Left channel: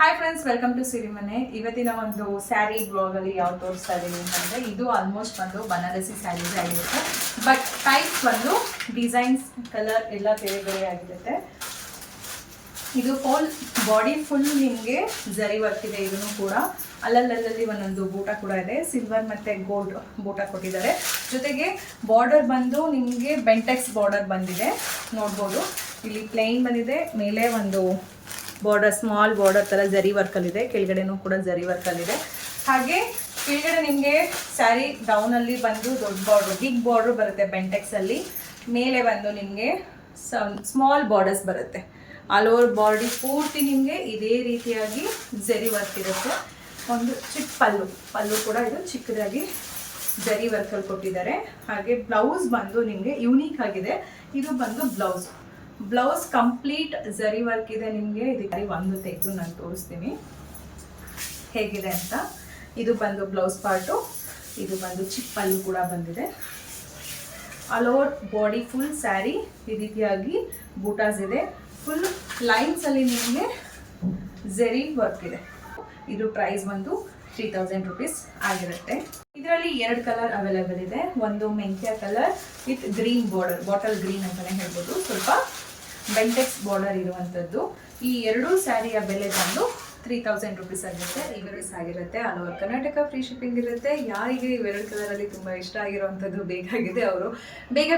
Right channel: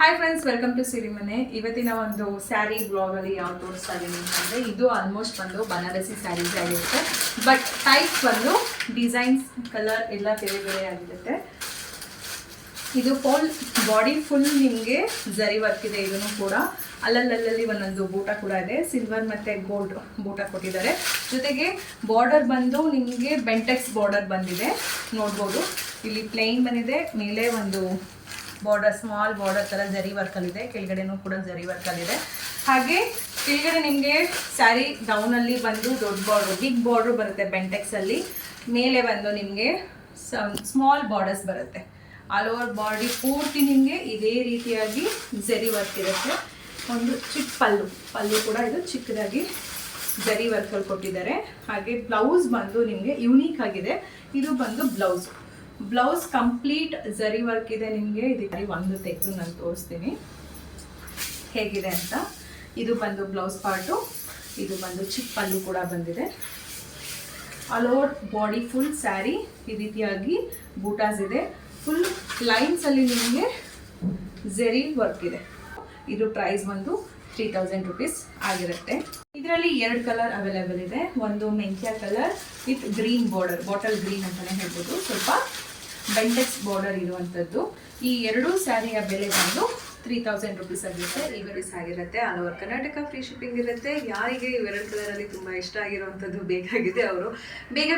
Hi friends, welcome to ಸಿರಿ ಮನೆ. ಇವತ್ತಿನ ಒಂದು ಸ್ಯಾರಿ ಬ್ಲಾಗಲ್ಲಿ ಯಾವ ತೋರಿಸ್ತಾ ಇದ್ದೀನಿ ಅಂತಂದರೆ, ಇದು ಆಲ್ಮೋಸ್ಟ್ ಒಂದು ಬನಾರಸಿ ಸ್ಯಾರೀಸ್ ಆಗಿರುತ್ತೆ. ಬಟ್ ಟೈಪ್ ಒಂದು ಡಿಸೈನ್ಸ್ ಕಲರ್ ಎಲ್ಲ ಬೇರೆ ಬೇರೆ ಆಗಿರುತ್ತೆ. ಇದು ಬಾಡಿ ಫುಲ್ ನಿಮಗೆ ಜರಿ ವರ್ಕ್ ಇದೆ. ಇದನ್ನು ಕೂಡ ಅಲ್ಲಲ್ಲಿ ಒಂದೊಂದು ಬೂಟ ಕೂಡ ಇದೆ. ಸಿಲ್ವರ್ ಮತ್ತು ಗೋಲ್ಡ್ ಬೂಟ ಕೊಟ್ಟಿದ್ದಾರೆ. ಜೊತೆಗೆ ಬಾರ್ಡರ್ ಬಂದು ನಿಮಗೆ ಬೆಂಟೆಕ್ಸ್ ಬಾರ್ಡರ್ ಬಂದಿದೆ, ನೋಡ್ಬೋದು. ಇಲ್ಲಿ ಪ್ಲೇನ್ ಬಂದಿದೆ, ಮೇಲೆ ಒಂದು ಬಾರ್ಡರ್ ಸ್ಮಾಲ್ ಬಾರ್ಡರ್ ಥರ ಜರಿ ವರ್ಕಲ್ಲಿದೆ, ಕೆಳಗಡೆನೂ ಕೂಡ ಜರಿ ವರ್ಕಲ್ಲಿದೆ. ಹಾಗೆ ಕೆಳಗಡೆ ನಿಮಗೆ ಸ್ಯಾರಿ ಡೌನಲ್ಲಿ ಬಂದು ದೊಡ್ಡ ಬಾರ್ಡ್ರು, ಬಿಗ್ ಬಾರ್ಡ್ರು ಬರುತ್ತೆ ಬೆಂಟೆಕ್ಸಲ್ಲಿ. ಮೇಲೆ ಬಂದು ನಿಮಗೆ ಸ್ಮಾಲ್ ಬಾರ್ಡರ್ಸ್ ಬರುತ್ತೆ. ಆಲ್ ಓವರ್ ಬಾಡಿ ಪೂರ್ತಿ ನಿಮಗೆ ಇದೇ ರೀತಿಯಾಗಿ ಜರಿ ವರ್ಕ್ ಇರುತ್ತೆ. ಒಂದು ಚಿಕ್ಕ ಪಲ್ಲು ಕೂಡ ಇದು ಚಿಕ್ಕದಾಗಿ ಜರಿ ವರ್ಕಲ್ಲಿ ಕೊಟ್ಟಿದ್ದಾರೆ. ಹಾಗೆ ಬ್ಲೌಸ್ ಬಂದು ನಿಮಗೆ ಯೂನಿಕ್ ಆಗಿದೆ. ಇದು ಬಂದು ಬ್ಲೌಸ್ ಕಂಪ್ಲೀಟ್ ಜರಿ ವರ್ಕ್ ಇದೆ. ನಿಮಗೆ ಇದಕ್ಕೆ ಒಂದು ತೆಗೆದು ನಾನು ತೋರಿಸ್ತೀನಿ ಹೇಗಿದೆ ಅಂತ. ಇದು ಬಂದು ಬ್ಲೌಸ್ ಪಾರ್ಟು. ಇದು ಬಂದು ಚಿಕ್ಕ ಪಲ್ಲು ಕೂಡ ಬಂದಿದೆ. All over body full sari ಈ ರೀತಿಯಾಗಿ ಬೂಟಾಸ್ ಇದೆ. ಫುಲ್ ಲೈನ್ಸಲ್ಲಿ ನಿಮಗೆ ಜರಿ ವರ್ಕ್ ಇದೆ. ಇದು ಪ್ರೈಸ್ ಬಂದು 3000 rupees ಆಗಿರುತ್ತೆ. ಇದರಲ್ಲಿ 2 ಕಲರ್ ಅವೈಲೇಬಲ್ ಇದೆ. ಒಂದು ಮೆಂತ್ಯ colour with green border, bottle green ಅಂತಲೇ ಹೇಳ್ಬೋದು, ಸ್ವಲ್ಪ ಬೆಂಟೆಕ್ಸ್ ಬಾರ್ಡರ್ ಇರುವಂಥದ್ದು. ಈ 2 ಸ್ಯಾರಿಯ ಬೆಲೆ ಬಂದು 3000 rupees ಆಗಿರುತ್ತೆ. ಆಗಿರುತ್ತೆ. All over Karnataka free shipping ಇರುತ್ತೆ. ಯಾರಿಗೆ ಇವೆರಡು ಕಲರಲ್ಲಿ ತುಂಬ ಇಷ್ಟ ಆಗಿರುವಂಥದ್ದು ಬೇಕಾಗಿದೆ, ಅವರು ಬೇಗ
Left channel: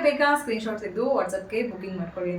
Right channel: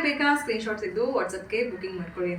ಸ್ಕ್ರೀನ್ಶಾಟ್ ತೆಗೆದು ವಾಟ್ಸಪ್ಗೆ ಬುಕಿಂಗ್ ಮಾಡ್ಕೊಳ್ಳಿ.